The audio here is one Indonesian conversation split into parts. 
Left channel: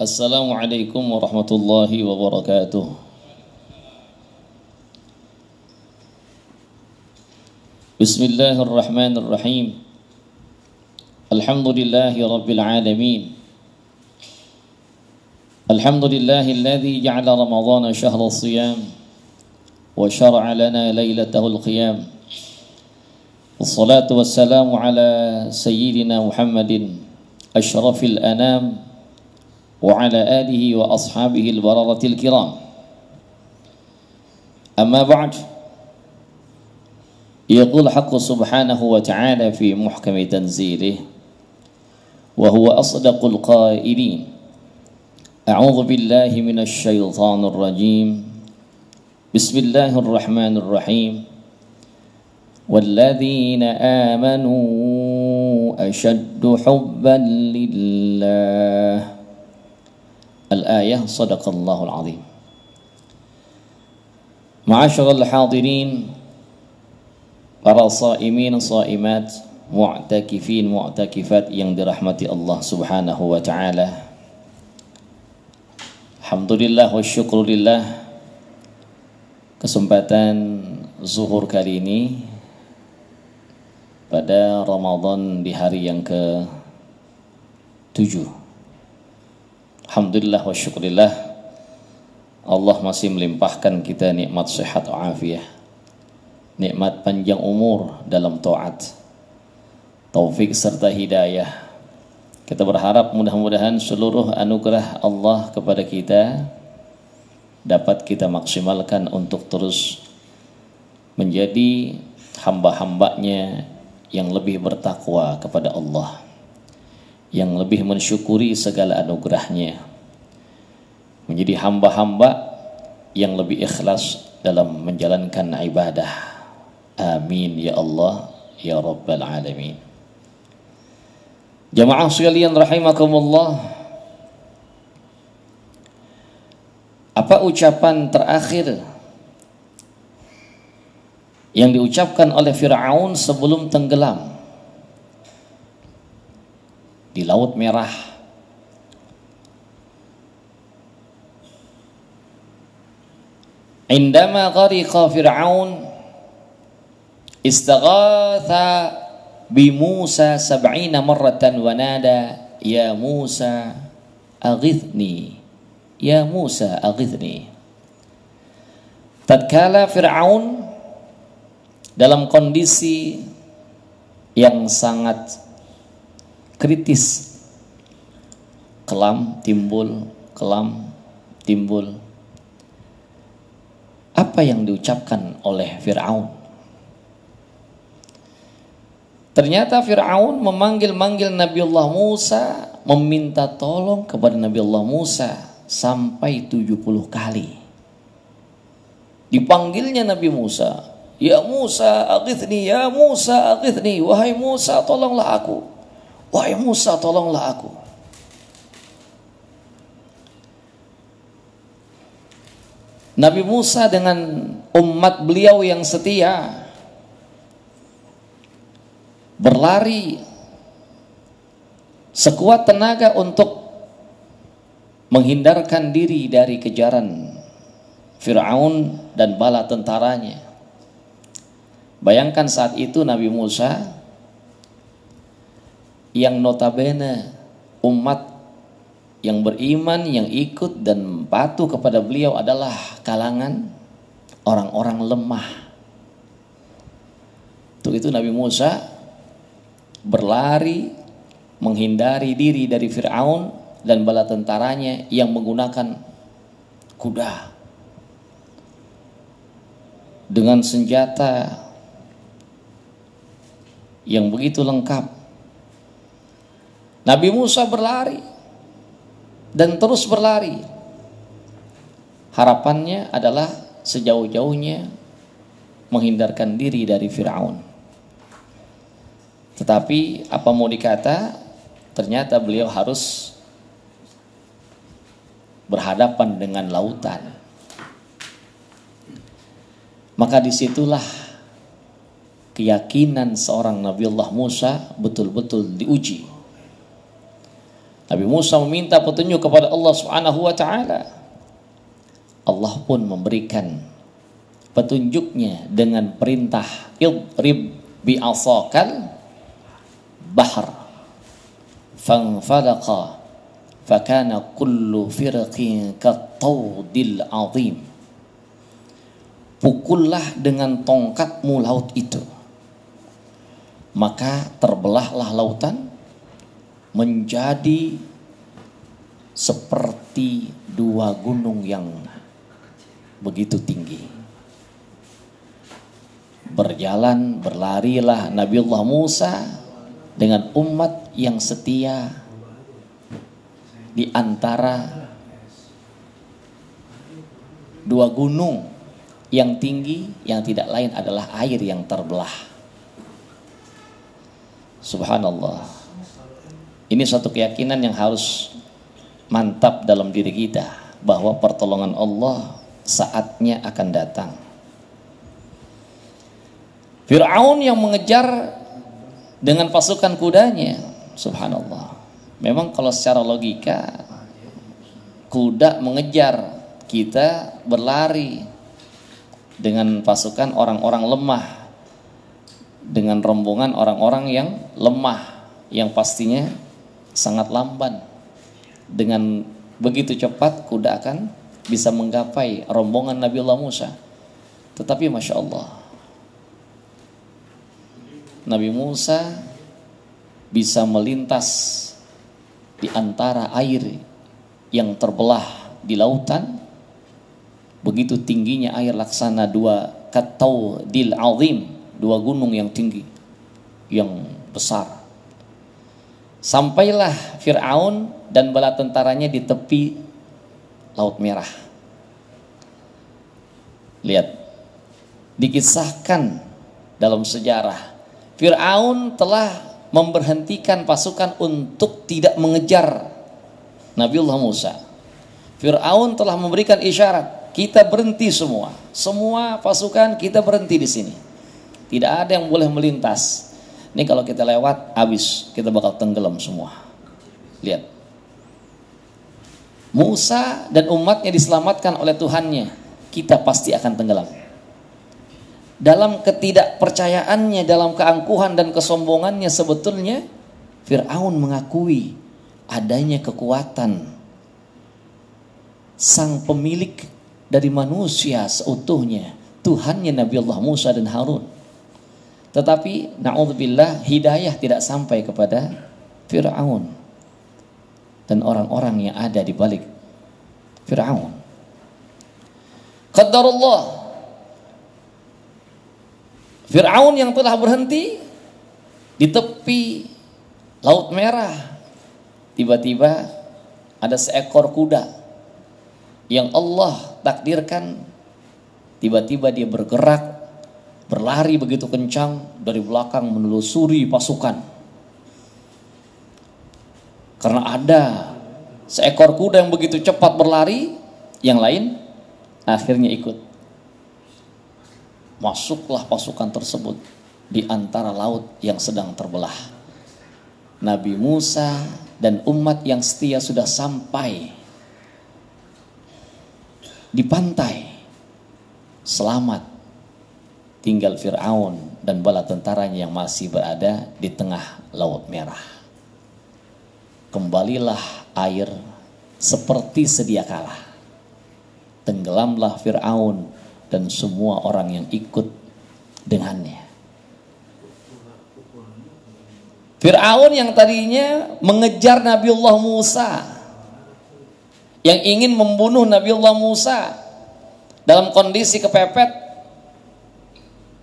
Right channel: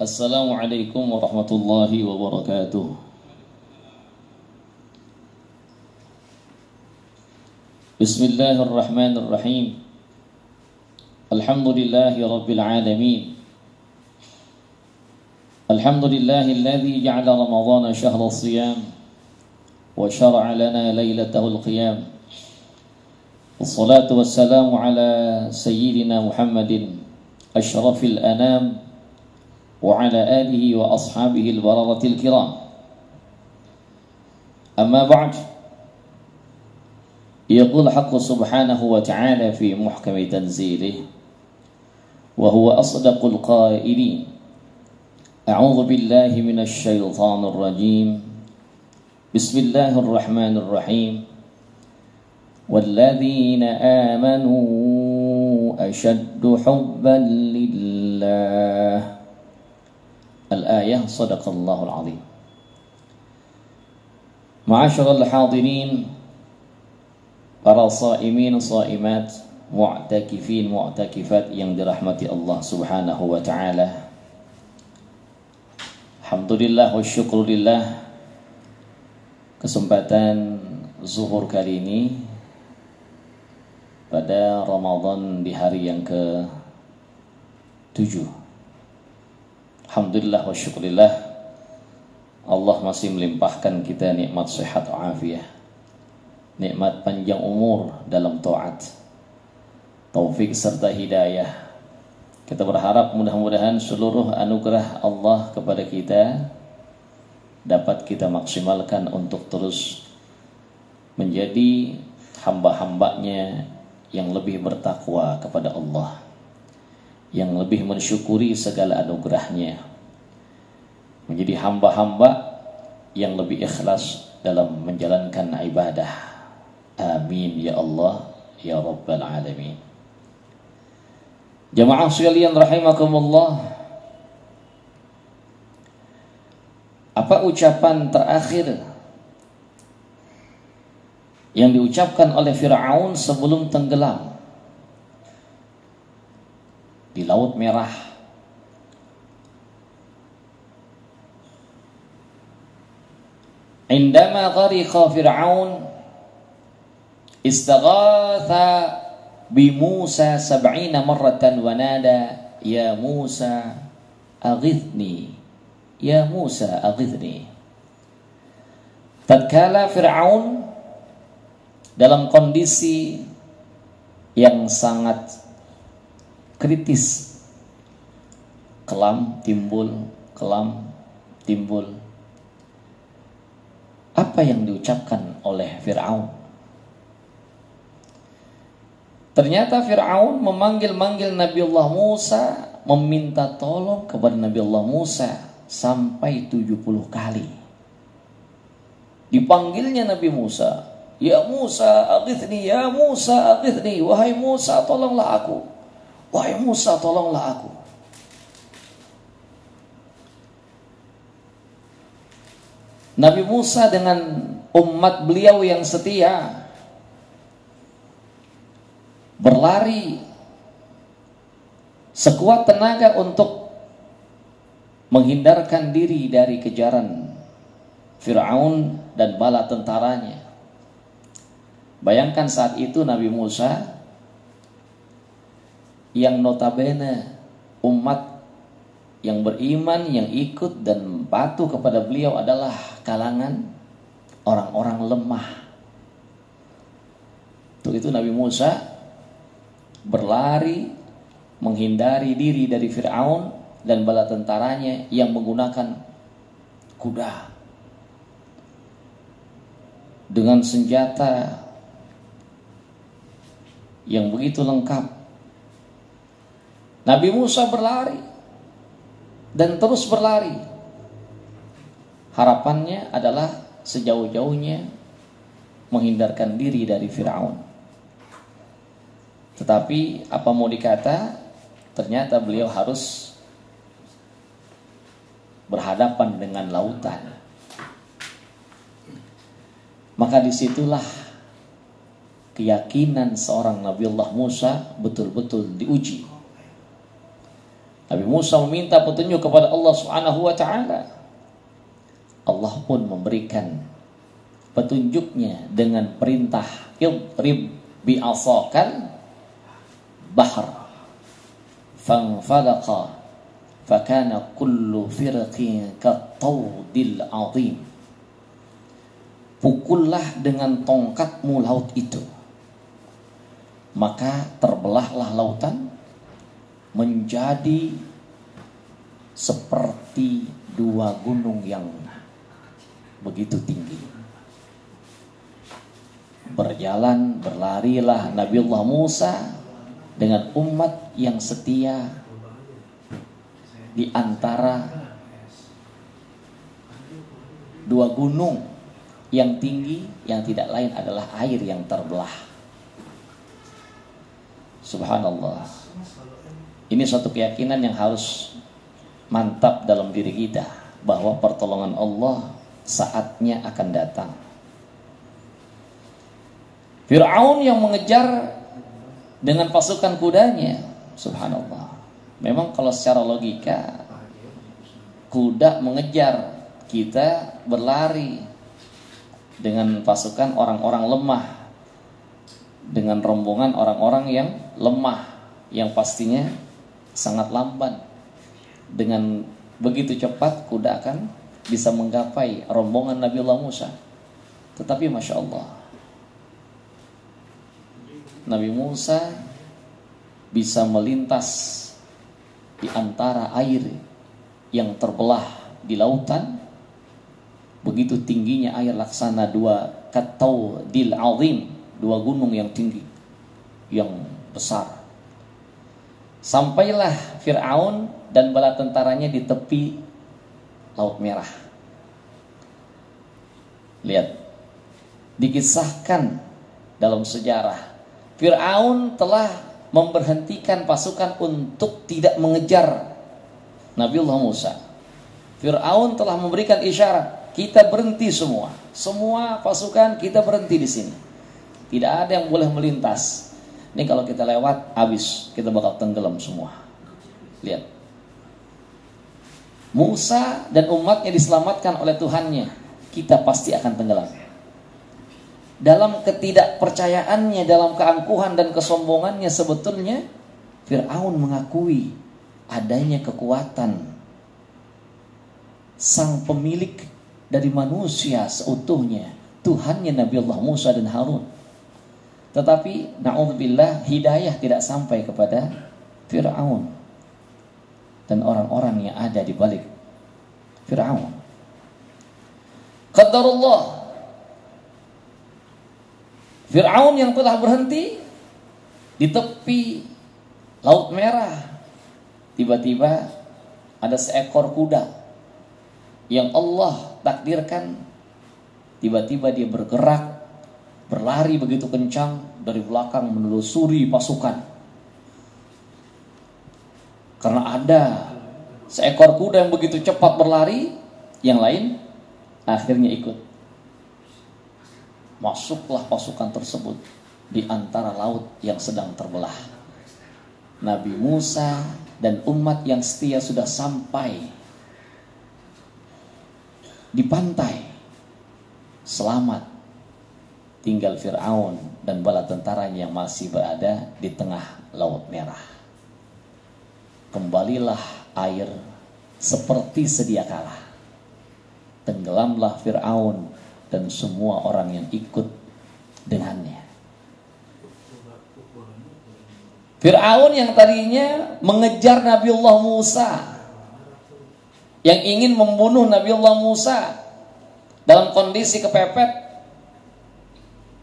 Assalamualaikum warahmatullahi wabarakatuh. Bismillahirrahmanirrahim. Alhamdulillahi rabbil alamin. Alhamdulillahilladzi ja'ala ramadhana syahra siyam wa syara'a lana lailatahul qiyam. Wassalatu wassalamu ala sayyidina Muhammadin asyrafil anam وعلى آله وأصحابه البررة الكرام. أما بعد، يقول حق سبحانه وتعالى في محكم تنزيله وهو أصدق القائلين: أعوذ بالله من الشيطان الرجيم، بسم الله الرحمن الرحيم، والذين آمنوا أشد حبا لله. Al-ayah, sadaqallahul azim. Ma'asyiral hadirin, para shaimin, shaimat, mu'takifin, mu'takifat yang dirahmati Allah Subhanahu wa taala. Alhamdulillah wa syukurillah, kesempatan zuhur kali ini pada Ramadan di hari yang ke-7. Alhamdulillah wa syukurillah, Allah masih melimpahkan kita nikmat sehat wa'afiyah, nikmat panjang umur dalam taat, taufik serta hidayah. Kita berharap mudah-mudahan seluruh anugerah Allah kepada kita dapat kita maksimalkan untuk terus menjadi hamba-hambanya yang lebih bertakwa kepada Allah, yang lebih mensyukuri segala anugerahnya, menjadi hamba-hamba yang lebih ikhlas dalam menjalankan ibadah. Amin ya Allah ya Rabbal Alamin. Jamaah sekalian rahimakumullah, apa ucapan terakhir yang diucapkan oleh Fir'aun sebelum tenggelam di Laut Merah? Indama ghariqa Fir'aun istaghatha bi Musa 70 marratan wa nada ya Musa aghithni, ya Musa aghithni. Tatkala Fir'aun dalam kondisi yang sangat kritis, kelam timbul, apa yang diucapkan oleh Fir'aun? Ternyata Fir'aun memanggil-manggil Nabiullah Musa, meminta tolong kepada Nabiullah Musa sampai 70 kali. Dipanggilnya Nabi Musa, ya Musa aghithni, ya Musa aghithni, wahai Musa tolonglah aku, wahai Musa tolonglah aku. Nabi Musa dengan umat beliau yang setia berlari sekuat tenaga untuk menghindarkan diri dari kejaran Fir'aun dan bala tentaranya. Bayangkan saat itu Nabi Musa yang notabene umat yang beriman, yang ikut dan patuh kepada beliau adalah kalangan orang-orang lemah. Untuk itu Nabi Musa berlari menghindari diri dari Fir'aun dan bala tentaranya yang menggunakan kuda dengan senjata yang begitu lengkap. Nabi Musa berlari dan terus berlari. Harapannya adalah sejauh-jauhnya menghindarkan diri dari Fir'aun. Tetapi apa mau dikata, ternyata beliau harus berhadapan dengan lautan. Maka disitulah keyakinan seorang Nabiullah Musa betul-betul diuji. Nabi Musa meminta petunjuk kepada Allah Subhanahu wa taala. Allah pun memberikan petunjuknya dengan perintah idrib bi'asakal bahr fanfalaqa fakana kullu firqin kattawdil azim. Pukullah dengan tongkatmu laut itu, maka terbelahlah lautan menjadi seperti dua gunung yang begitu tinggi. Berlarilah Nabiullah Musa dengan umat yang setia di antara dua gunung yang tinggi, yang tidak lain adalah air yang terbelah. Subhanallah. Ini suatu keyakinan yang harus mantap dalam diri kita, bahwa pertolongan Allah saatnya akan datang. Fir'aun yang mengejar dengan pasukan kudanya, subhanallah. Memang kalau secara logika, kuda mengejar, kita berlari dengan pasukan orang-orang lemah, dengan rombongan orang-orang yang lemah, yang pastinya sangat lamban. Dengan begitu cepat kuda akan bisa menggapai rombongan Nabiullah Musa. Tetapi Masya Allah, Nabi Musa bisa melintas di antara air yang terbelah di lautan. Begitu tingginya air, laksana dua kattawdil azim, dua gunung yang tinggi, yang besar. Sampailah Fir'aun dan bala tentaranya di tepi Laut Merah. Lihat, dikisahkan dalam sejarah, Fir'aun telah memberhentikan pasukan untuk tidak mengejar Nabiullah Musa. Fir'aun telah memberikan isyarat, kita berhenti semua. Semua pasukan kita berhenti di sini. Tidak ada yang boleh melintas. Ini kalau kita lewat, habis, kita bakal tenggelam semua. Lihat, Musa dan umatnya diselamatkan oleh Tuhannya, kita pasti akan tenggelam. Dalam ketidakpercayaannya, dalam keangkuhan dan kesombongannya, sebetulnya Fir'aun mengakui adanya kekuatan sang pemilik dari manusia seutuhnya, Tuhannya Nabiullah Musa dan Harun. Tetapi na'udzubillah, hidayah tidak sampai kepada Fir'aun dan orang-orang yang ada di balik Fir'aun. Qadarullah, Fir'aun yang telah berhenti di tepi Laut Merah, tiba-tiba ada seekor kuda yang Allah takdirkan, tiba-tiba dia bergerak, berlari begitu kencang dari belakang menelusuri pasukan. Karena ada seekor kuda yang begitu cepat berlari, yang lain akhirnya ikut. Masuklah pasukan tersebut di antara laut yang sedang terbelah. Nabi Musa dan umat yang setia sudah sampai di pantai, selamat. Tinggal Fir'aun dan bala tentaranya yang masih berada di tengah Laut Merah. Kembalilah air seperti sedia kala. Tenggelamlah Fir'aun dan semua orang yang ikut dengannya. Fir'aun yang tadinya mengejar Nabiullah Musa, yang ingin membunuh Nabiullah Musa, dalam kondisi kepepet,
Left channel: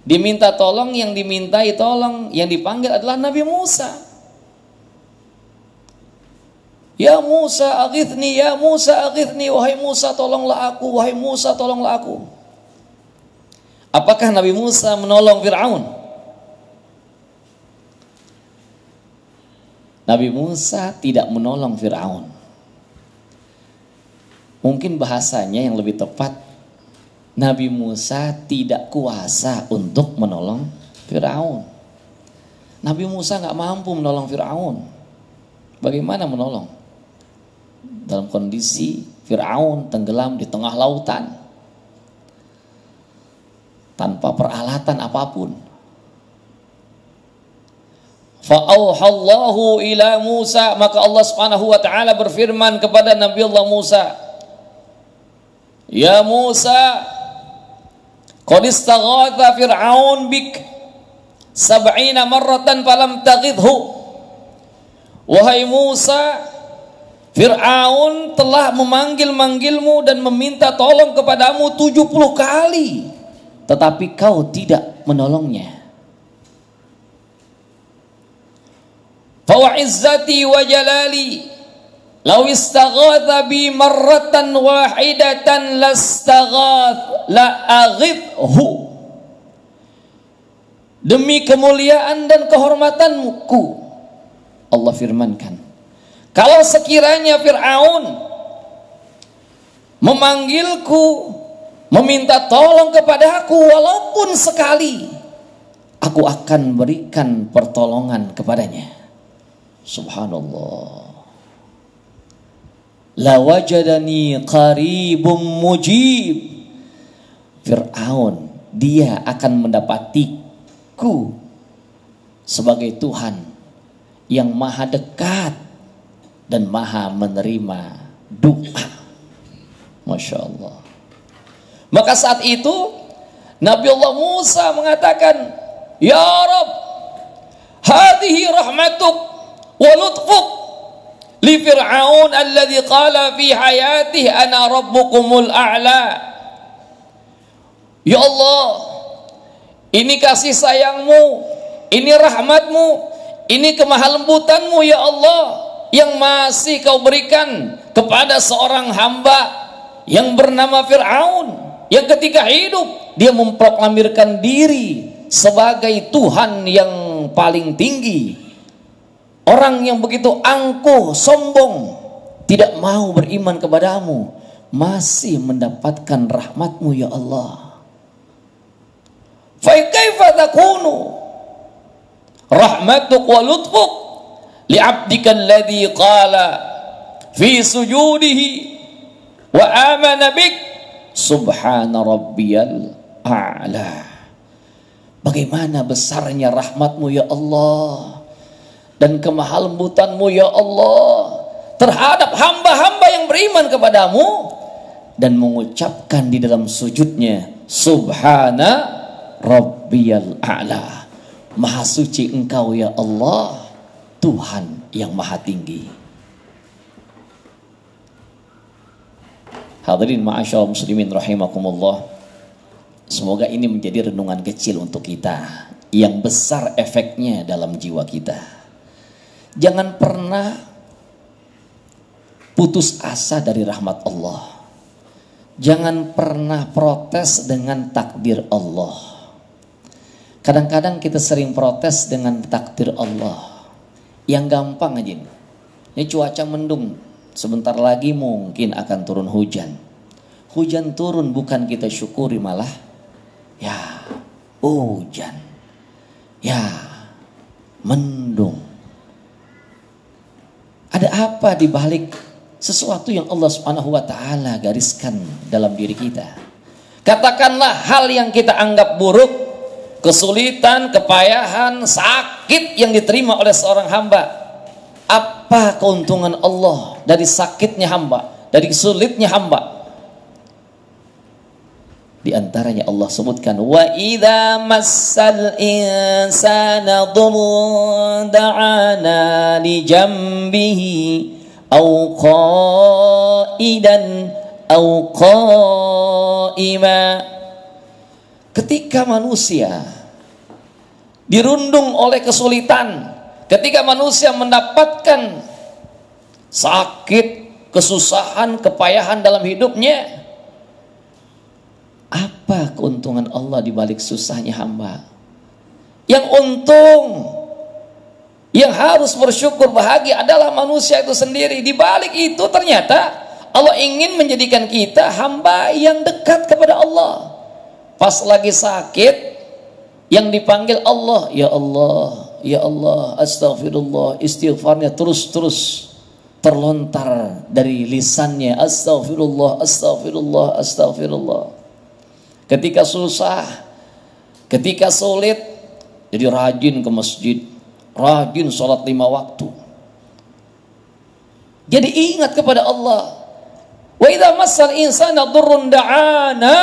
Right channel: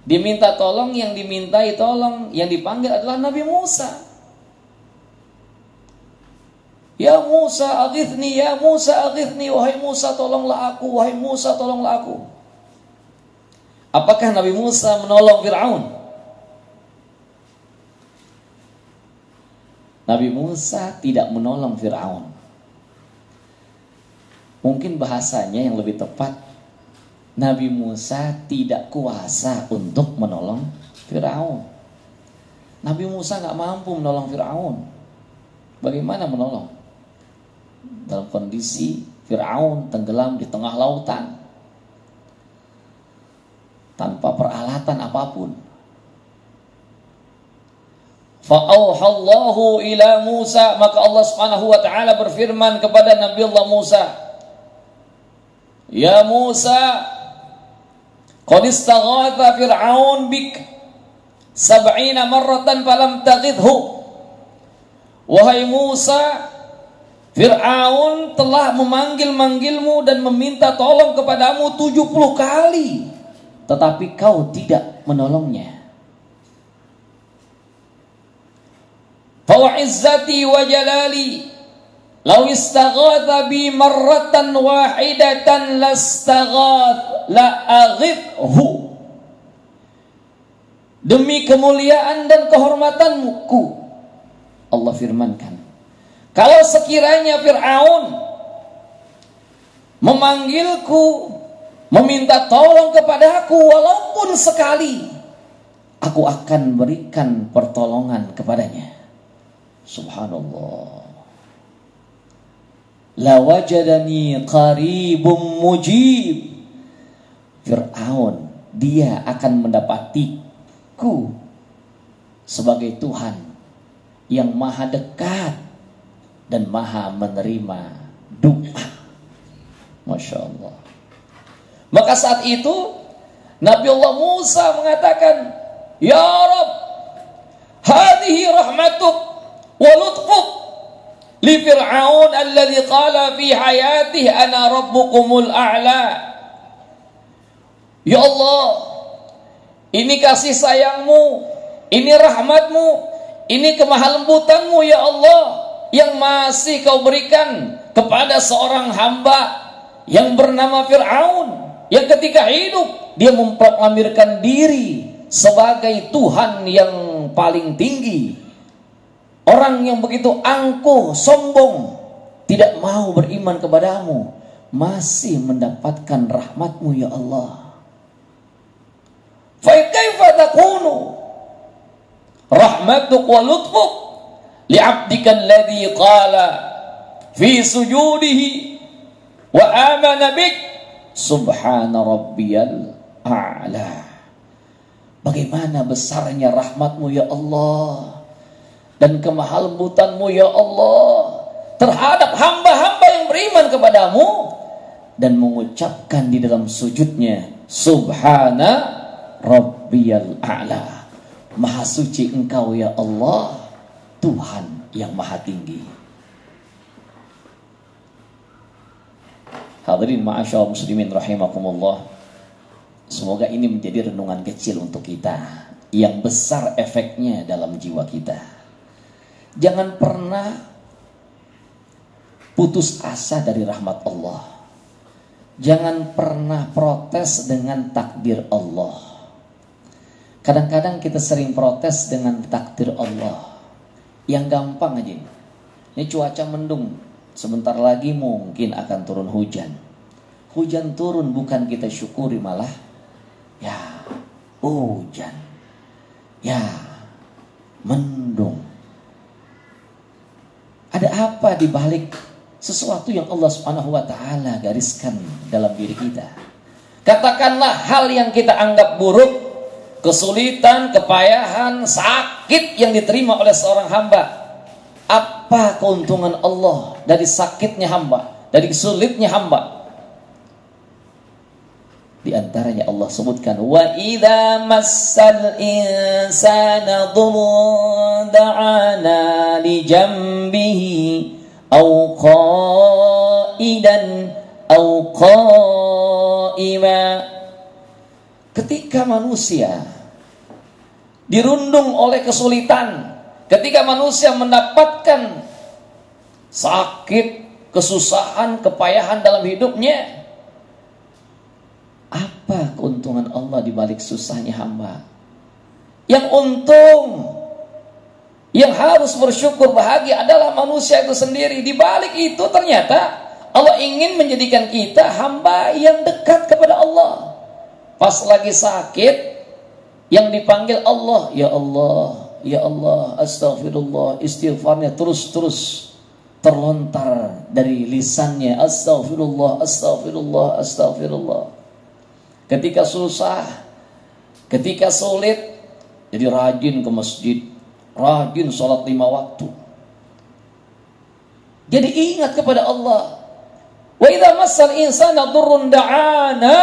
diminta tolong, yang dimintai tolong, yang dipanggil adalah Nabi Musa. Ya Musa aghithni, ya Musa aghithni, wahai Musa tolonglah aku, wahai Musa tolonglah aku. Apakah Nabi Musa menolong Fir'aun? Nabi Musa tidak menolong Fir'aun. Mungkin bahasanya yang lebih tepat, Nabi Musa tidak kuasa untuk menolong Fir'aun. Nabi Musa nggak mampu menolong Fir'aun. Bagaimana menolong? dalam kondisi Fir'aun tenggelam di tengah lautan tanpa peralatan apapun. Fa'auhallahu ila Musa, maka Allah Subhanahu wa taala berfirman kepada Nabi Allah Musa, "Ya Musa, qad istaghatha Fir'aun bik 70 marratan falam taghidhu." Wahai Musa, Fir'aun telah memanggil-manggilmu dan meminta tolong kepadamu 70 kali, tetapi kau tidak menolongnya. Fa izzati wa jalali law istaghatha bi marratan wahidatan lastaghath la aghithu. Demi kemuliaan dan kehormatanku, Allah firmankan, kalau sekiranya Fir'aun memanggilku, meminta tolong kepada aku walaupun sekali, aku akan berikan pertolongan kepadanya. Subhanallah. La wajadani qaribum mujib. Fir'aun, dia akan mendapatiku sebagai Tuhan yang maha dekat dan maha menerima doa. Masya Allah. Maka saat itu Nabi Allah Musa mengatakan, "Ya Rabb, hadhihi rahmatuk wa lutfuk li Fir'aun alladhi qala fi hayatihi ana rabbukumul a'la." Ya Allah, ini kasih sayangmu, ini rahmatmu, ini kemahalembutanmu ya Allah, yang masih kau berikan kepada seorang hamba yang bernama Fir'aun, yang ketika hidup dia memproklamirkan diri sebagai Tuhan yang paling tinggi. Orang yang begitu angkuh, sombong, tidak mau beriman kepadamu, masih mendapatkan rahmatmu ya Allah. Fa kaifa takunu rahmatuk wa lutfuk li'abdika alladhi qala fi sujudihi wa amana bik subhana rabbiyal a'la. Bagaimana besarnya rahmatmu ya Allah dan kemahalembutanmu ya Allah terhadap hamba-hamba yang beriman kepadamu dan mengucapkan di dalam sujudnya subhana rabbiyal a'la. Maha suci engkau ya Allah, Tuhan yang maha tinggi. Hadirin ma'asyar muslimin rahimakumullah, semoga ini menjadi renungan kecil untuk kita yang besar efeknya dalam jiwa kita. Jangan pernah putus asa dari rahmat Allah. Jangan pernah protes dengan takdir Allah. Kadang-kadang kita sering protes dengan takdir Allah. Yang gampang aja. Ini cuaca mendung, sebentar lagi mungkin akan turun hujan. Hujan turun bukan kita syukuri, malah ya hujan, ya mendung. Ada apa di balik sesuatu yang Allah Subhanahu wa taala gariskan dalam diri kita? Katakanlah hal yang kita anggap buruk, kesulitan, kepayahan, sakit yang diterima oleh seorang hamba. Apa keuntungan Allah dari sakitnya hamba, dari sulitnya hamba? Di antaranya Allah sebutkan, wa idza massal insana dhurrun da'ana li jambihi aw qa'idan aw qa'ima. Ketika manusia dirundung oleh kesulitan, ketika manusia mendapatkan sakit, kesusahan, kepayahan dalam hidupnya, apa keuntungan Allah di balik susahnya hamba? Yang untung, yang harus bersyukur bahagia adalah manusia itu sendiri. Di balik itu ternyata Allah ingin menjadikan kita hamba yang dekat kepada Allah. Pas lagi sakit, yang dipanggil Allah, ya Allah, ya Allah, astagfirullah, istighfarnya terus-terus terlontar dari lisannya, astagfirullah, astagfirullah, astagfirullah. Ketika susah, ketika sulit, jadi rajin ke masjid, rajin sholat 5 waktu. Jadi ingat kepada Allah. Wa idza massal insana dhurrun da'ana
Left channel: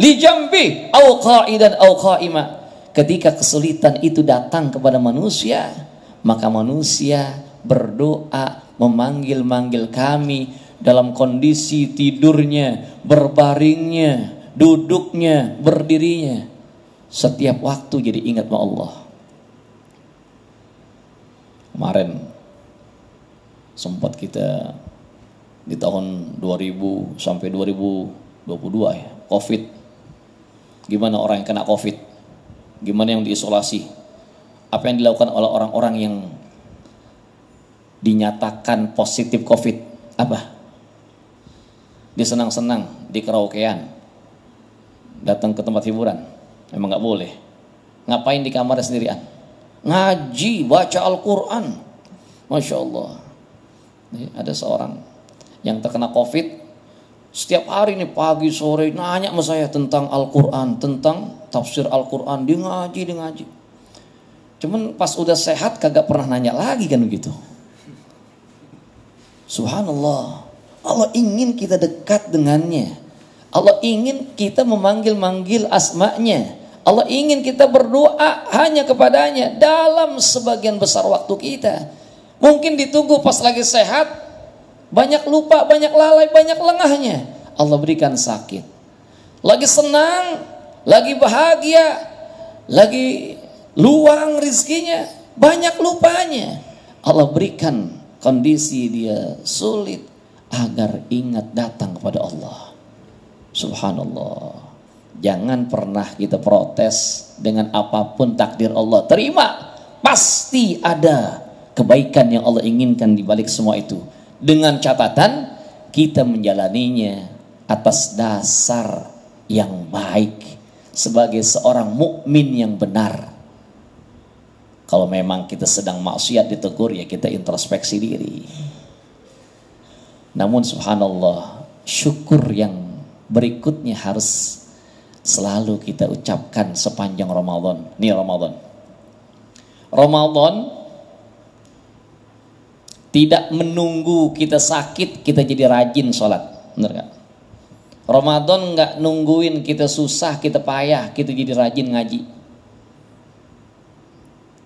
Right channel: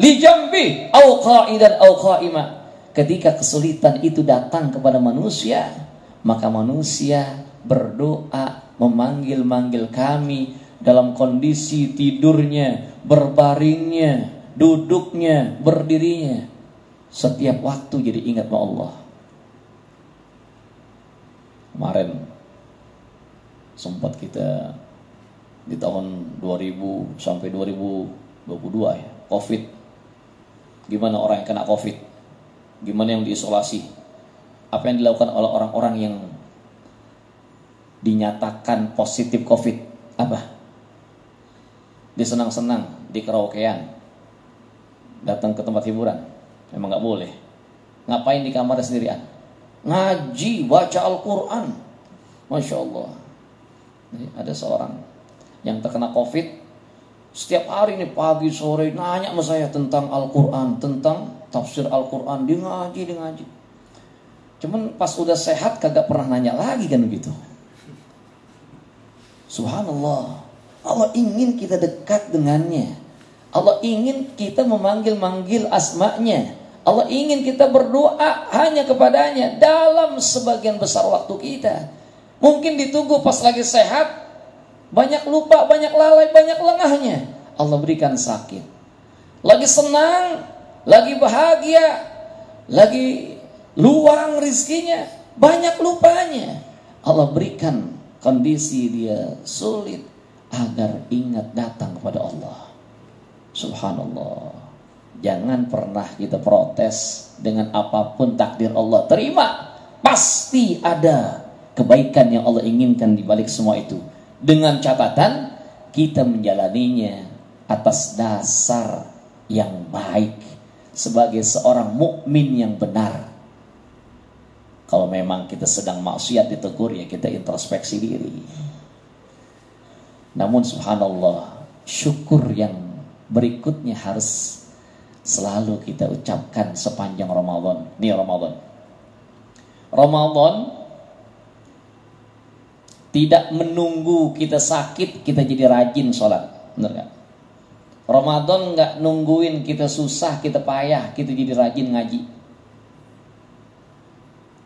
li jambi aw qa'idan aw qa'ima. Ketika kesulitan itu datang kepada manusia, maka manusia berdoa, memanggil-manggil kami dalam kondisi tidurnya, berbaringnya, duduknya, berdirinya. Setiap waktu jadi ingat sama Allah. Kemarin sempat kita di tahun 2000 sampai 2022 ya, Covid. Gimana orang yang kena Covid? Gimana yang diisolasi? Apa yang dilakukan oleh orang-orang yang dinyatakan positif Covid? Apa? Dia senang-senang di karaokean, datang ke tempat hiburan. Memang nggak boleh. Ngapain di kamar sendirian? Ngaji, baca Al-Quran. Masya Allah. Ada seorang yang terkena Covid, setiap hari nih pagi sore nanya sama saya tentang Al-Quran, tentang tafsir Al-Quran. Dia ngaji. Cuman pas udah sehat kagak pernah nanya lagi kan begitu. Subhanallah. Allah ingin kita dekat dengannya. Allah ingin kita memanggil-manggil asma'nya. Allah ingin kita berdoa hanya kepadanya dalam sebagian besar waktu kita. Mungkin ditunggu pas lagi sehat, banyak lupa, banyak lalai, banyak lengahnya. Allah berikan sakit. Lagi senang, lagi bahagia, lagi luang rizkinya, banyak lupanya. Allah berikan kondisi dia sulit agar ingat datang kepada Allah. Subhanallah. Jangan pernah kita protes dengan apapun takdir Allah. Terima, pasti ada kebaikan yang Allah inginkan di balik semua itu. Dengan catatan kita menjalaninya atas dasar yang baik sebagai seorang mukmin yang benar. Kalau memang kita sedang maksiat ditegur, ya kita introspeksi diri. Namun subhanallah, syukur yang berikutnya harus selalu kita ucapkan sepanjang Ramadan. Ini Ramadan tidak menunggu kita sakit kita jadi rajin sholat, benar gak? Ramadan gak nungguin kita susah, kita payah, kita jadi rajin ngaji.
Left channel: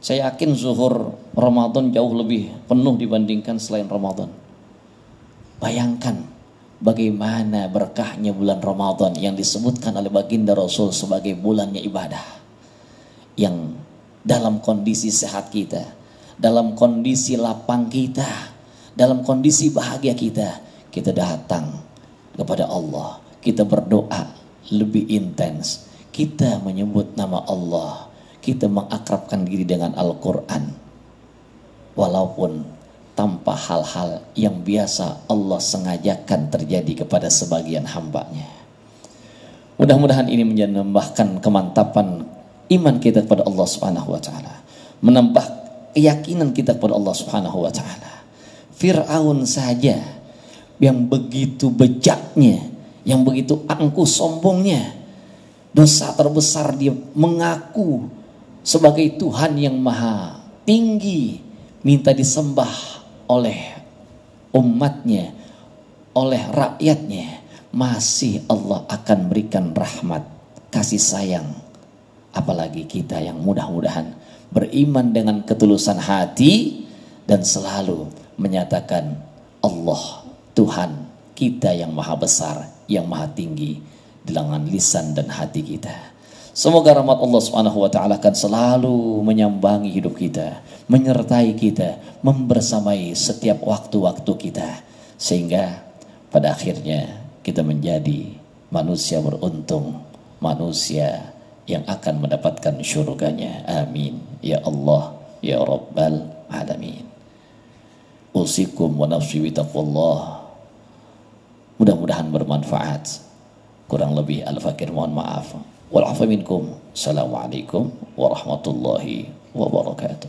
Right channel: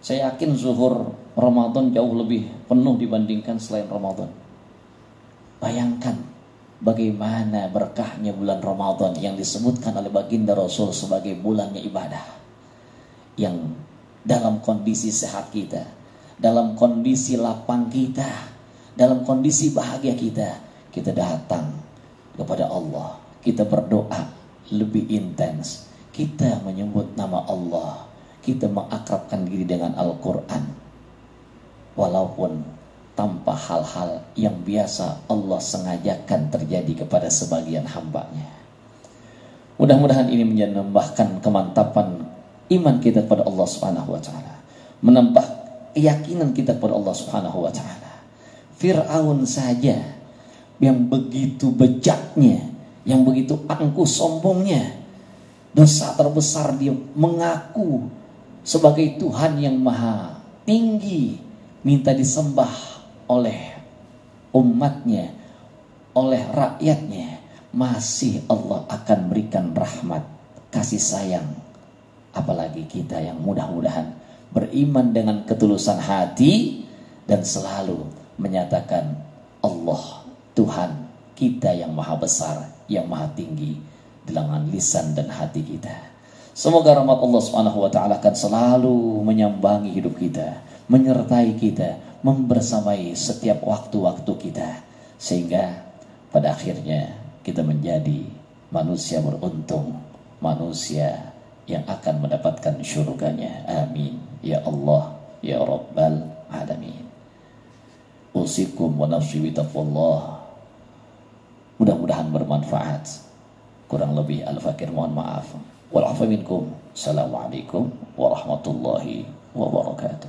Saya yakin zuhur Ramadan jauh lebih penuh dibandingkan selain Ramadan. Bayangkan bagaimana berkahnya bulan Ramadan yang disebutkan oleh baginda Rasul sebagai bulannya ibadah. Yang dalam kondisi sehat kita, dalam kondisi lapang kita, dalam kondisi bahagia kita datang kepada Allah. Kita berdoa lebih intens. Kita menyebut nama Allah. Kita mengakrabkan diri dengan Al-Quran. Walaupun tanpa hal-hal yang biasa Allah sengajakan terjadi kepada sebagian hambanya. Mudah-mudahan ini menambahkan kemantapan iman kita kepada Allah Subhanahu wa taala, menambah keyakinan kita kepada Allah Subhanahu wa taala. Fir'aun saja yang begitu bejaknya, yang begitu angkuh sombongnya, dosa terbesar dia mengaku sebagai Tuhan yang maha tinggi, minta disembah oleh umatnya, oleh rakyatnya, masih Allah akan berikan rahmat, kasih sayang. Apalagi kita yang mudah-mudahan beriman dengan ketulusan hati dan selalu menyatakan Allah Tuhan kita yang maha besar, yang maha tinggi di lengan lisan dan hati kita. Semoga rahmat Allah Subhanahu wa taala akan selalu menyambangi hidup kita, menyertai kita, membersamai setiap waktu-waktu kita, sehingga pada akhirnya kita menjadi manusia beruntung, manusia yang akan mendapatkan syurganya. Amin ya Allah ya Rabbal Alamin. Usikum wa nafsi bi taqwallah. Mudah-mudahan bermanfaat. Kurang lebih al-fakir mohon maaf. Wal afu minkum. Assalamualaikum warahmatullahi wabarakatuh.